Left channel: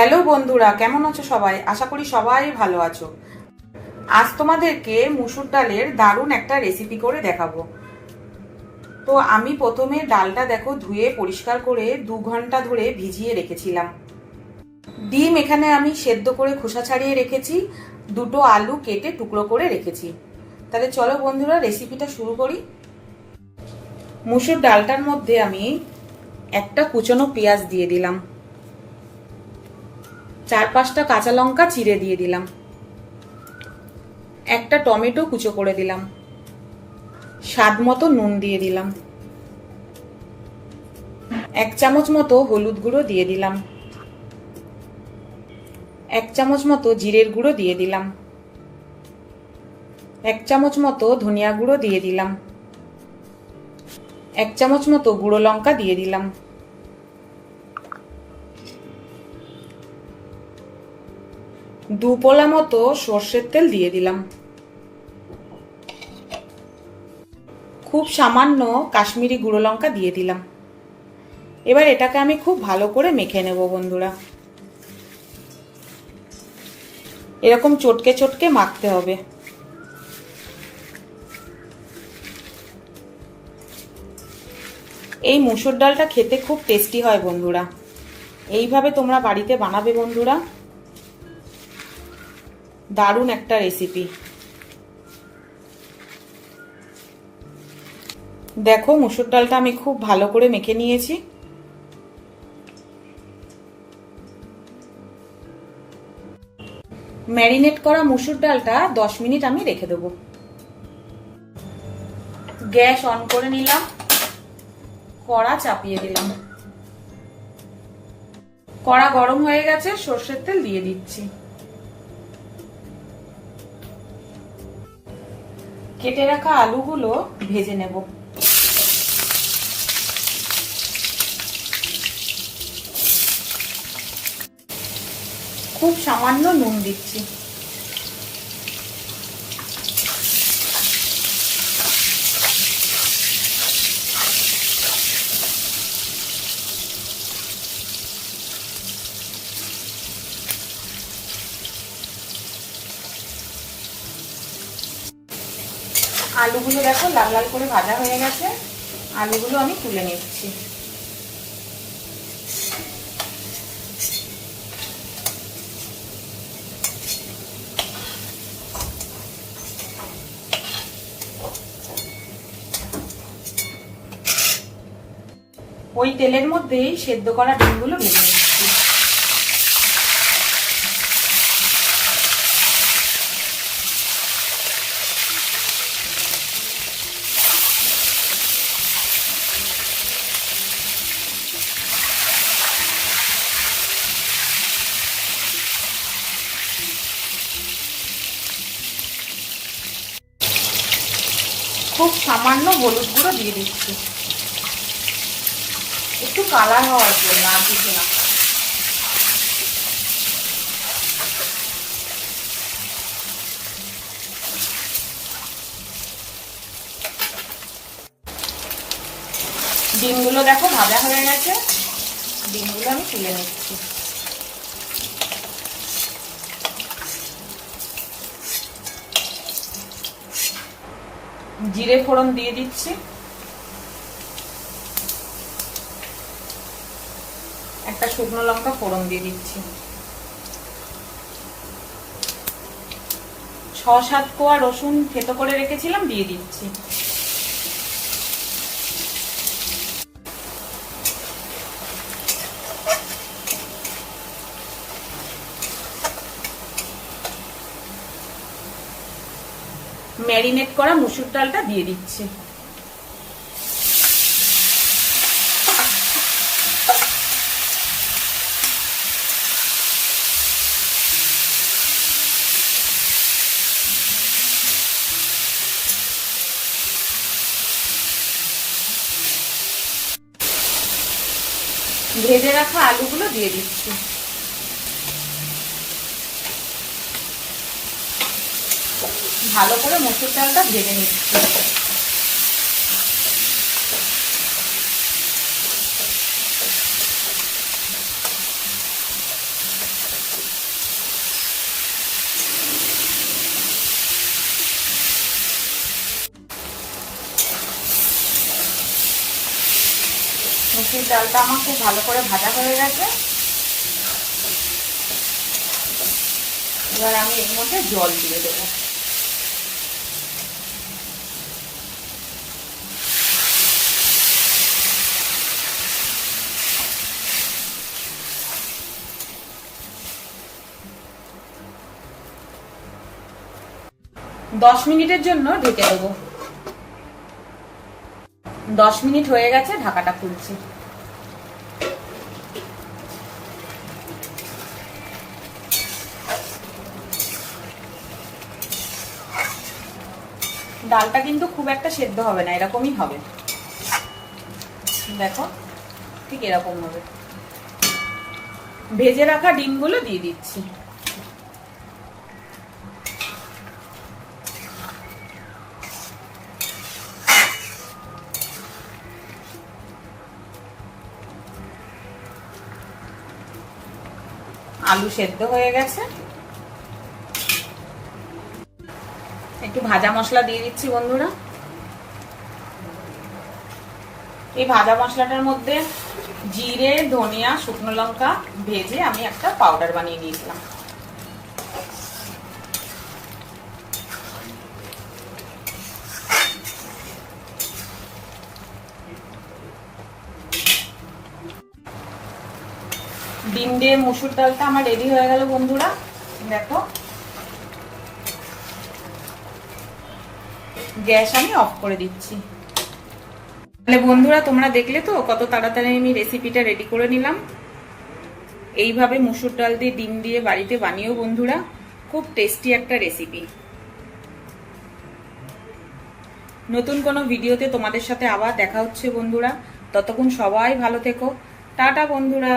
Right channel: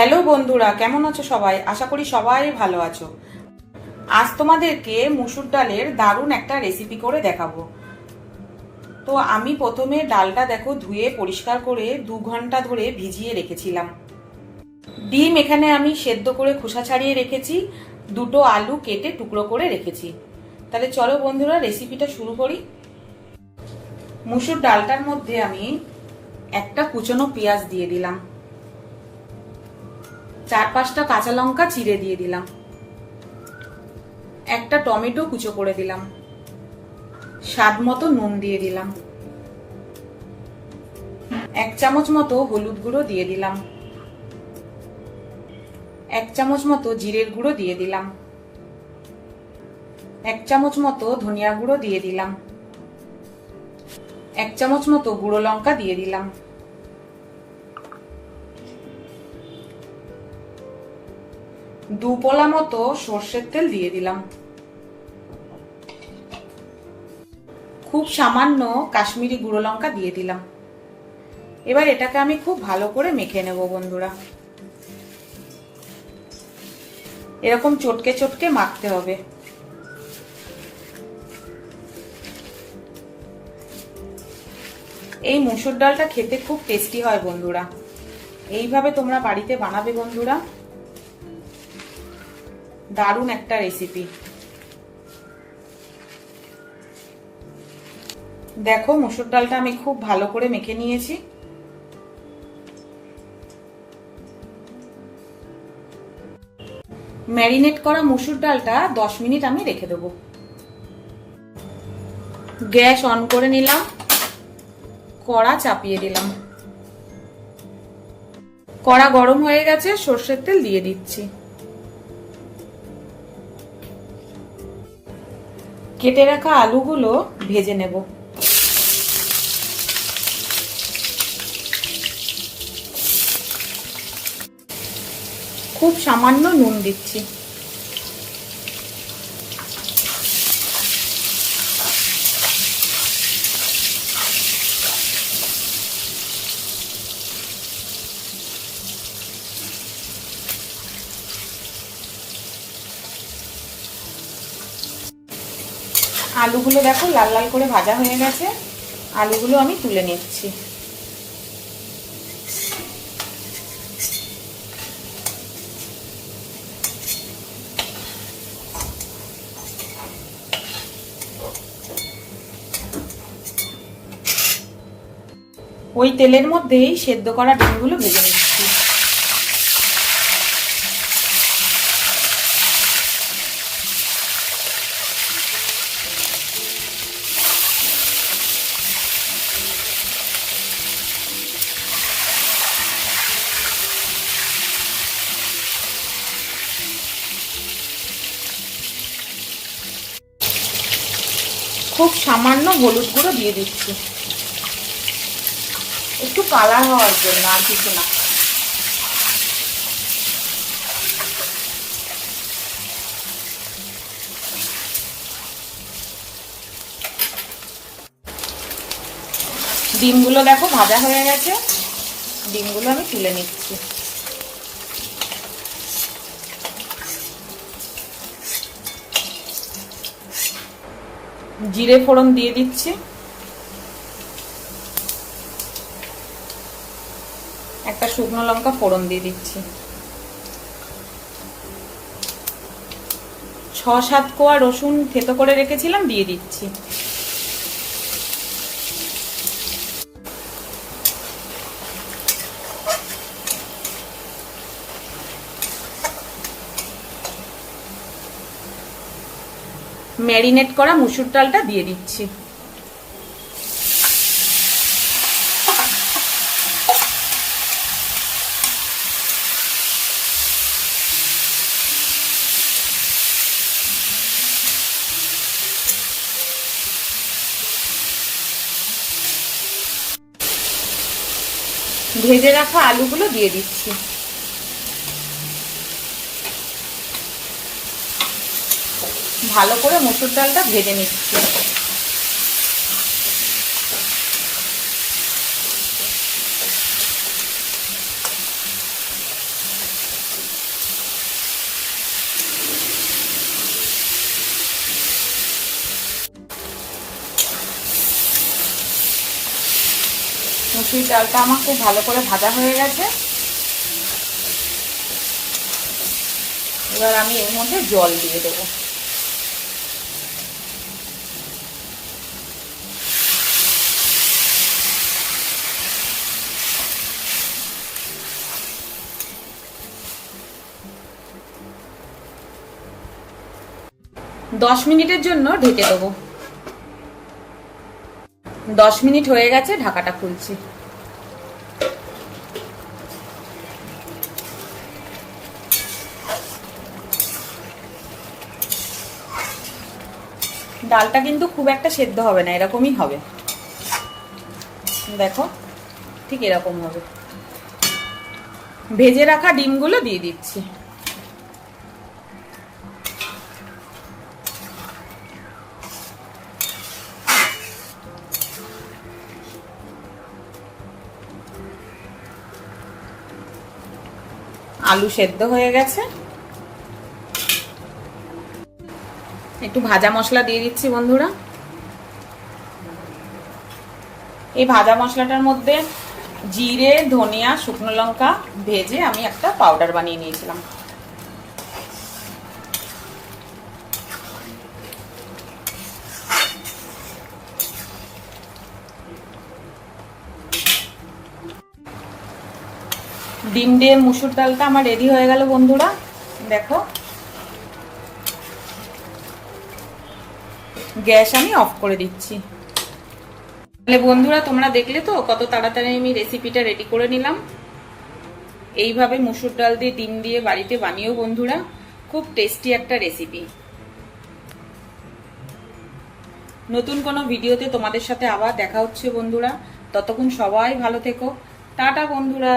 Hello বন্ধুরা, কেমন আছো সবাই? আশা করি সবাই ভালো আছো। আজ তোমাদেরকে মুসুর ডালের দারুণ একটা রেসিপি করে দেখাবো। তো আমি প্রথমে ডালটা দেখো ধুয়ে পরিষ্কার করে দু ঘণ্টা ধরে ভিজিয়ে রেখেছিলাম। ডিম এখানে আমি সেদ্ধ করে খোসা ছাড়িয়ে রেখেছি, দুটো আলু কেটে টুকরো করে রেখেছি। তাহলে চলো বন্ধুরা রেসিপিটা শুরু করি। মুসুর ডালটার মধ্যে আমি একটা কুচনো পেঁয়াজ দিয়ে দিলাম। চার পাঁচটা কাঁচা লঙ্কা চিড়ে দিয়ে দিলাম। একটা টমেটো কুচো করে দিলাম। স্বাদ মতো নুন দিয়ে দিলাম। এক চামচ মতো হলুদ গুঁড়ো দিয়ে দিলাম। এক চামচ মতো জিরের গুঁড়ো দিয়ে দিলাম। এক চামচ মতো ধনিয়া গুঁড়ো দিয়ে দিলাম। এক চামচ মতো গুঁড়ো লঙ্কা দিয়ে দিলাম। দু পোলা মতো সর্ষের তেল দিয়ে দিলাম। খুব সামান্য কাশ্মীরি গুঁড়ো লঙ্কা দিয়ে দিলাম। এবার এটাকে আমি খুব ভালো করে মেখে নেব বন্ধুরা। এরকম চটকে চটকে মাখতে হবে। এই মুসুর ডালটা খেতে খুব টেস্টি হয় বন্ধুরা। এইভাবে তোমরা বাড়িতে বানাবে বন্ধুরা। দারুণ একটা রেসিপি দেখো, মুসুর ডালটা আমি খুব ভালো করে মেখে নিয়েছি। ম্যারিনেট করা মুসুর ডালটা দশ মিনিট আমি রেখে দেবো। গ্যাস অন করে নিলাম। কড়া চাপিয়ে দিলাম। কড়া গরম হয়ে গেছে, সর্ষের তেল দিয়ে দিচ্ছি। কেটে রাখা আলুগুলো ভেজে নেব। খুব সামান্য নুন দিচ্ছি। আলুগুলো দেখো, লাল লাল করে ভাজা হয়ে গেছে। আলুগুলো আমি তুলে নিচ্ছি। ওই তেলের মধ্যেই সেদ্ধ করা ডিমগুলো ভেজে খুব সামান্য হলুদ গুঁড়ো দিয়ে দিচ্ছি। একটু কালার হওয়ার জন্য আর কিছু না। ডিমগুলো দেখো ভাজা হয়ে গেছে। ডিমগুলো আমি তুলে নিচ্ছি। জিরে ফোড়ন দিয়ে দিচ্ছি। একটা শুকনো লঙ্কা ফোড়ন দিয়ে দিচ্ছি। ছ সাত কোয়া রসুন থেতো করে রেখেছিলাম, দিয়ে দিচ্ছি। ম্যারিনেট করা মুসুর ডালটা দিয়ে দিচ্ছি। ভেজে রাখা আলুগুলো দিয়ে দিচ্ছি। ভালো করে মুসুর ডালটা ভেজে নিচ্ছি। মুসুর ডালটা আমার খুব ভালো করে ভাজা হয়ে গেছে। এবার আমি এর মধ্যে জল দিয়ে দেবো। দশ মিনিটের জন্য ঢেকে দেবো। দশ মিনিট হয়ে গেছে, ঢাকাটা খুলছি। ডালটা কিন্তু খুব একটা সেদ্ধ হবে না, এরকমই হবে। দেখো, ঠিক এরকম হবে। ভেজে রাখা ডিমগুলো দিয়ে দিচ্ছি। আলু সেদ্ধ হয়ে গেছে। একটু ভাজা মশলা দিয়ে দিচ্ছি বন্ধুরা। এই ভাজা মশলাটার মধ্যে জিরে, ধনিয়া, শুকনো লঙ্কা ভেজে আমি একটা পাউডার বানিয়ে নিয়েছিলাম। ডিম দিয়ে মুসুর ডালটা আমার রেডি হয়ে গেল বন্ধুরা। দেখো। গ্যাস আমি অফ করে দিচ্ছি। তাহলে বন্ধুরা, তোমরা দেখলে তো কত তাড়াতাড়ি আমি রেসিপিটা রেডি করে নিলাম। এইভাবে মুসুর ডাল দিয়ে, ডিম দিয়ে বাড়িতে বানিয়েও বন্ধুরা। খুব টেস্টি একটা রেসিপি নতুন কোনো ভিডিওতে তোমাদের সাথে আবার দেখা হচ্ছে বন্ধুরা। ততক্ষণ সবাই ভালো থেকো। টাটা বন্ধুরা।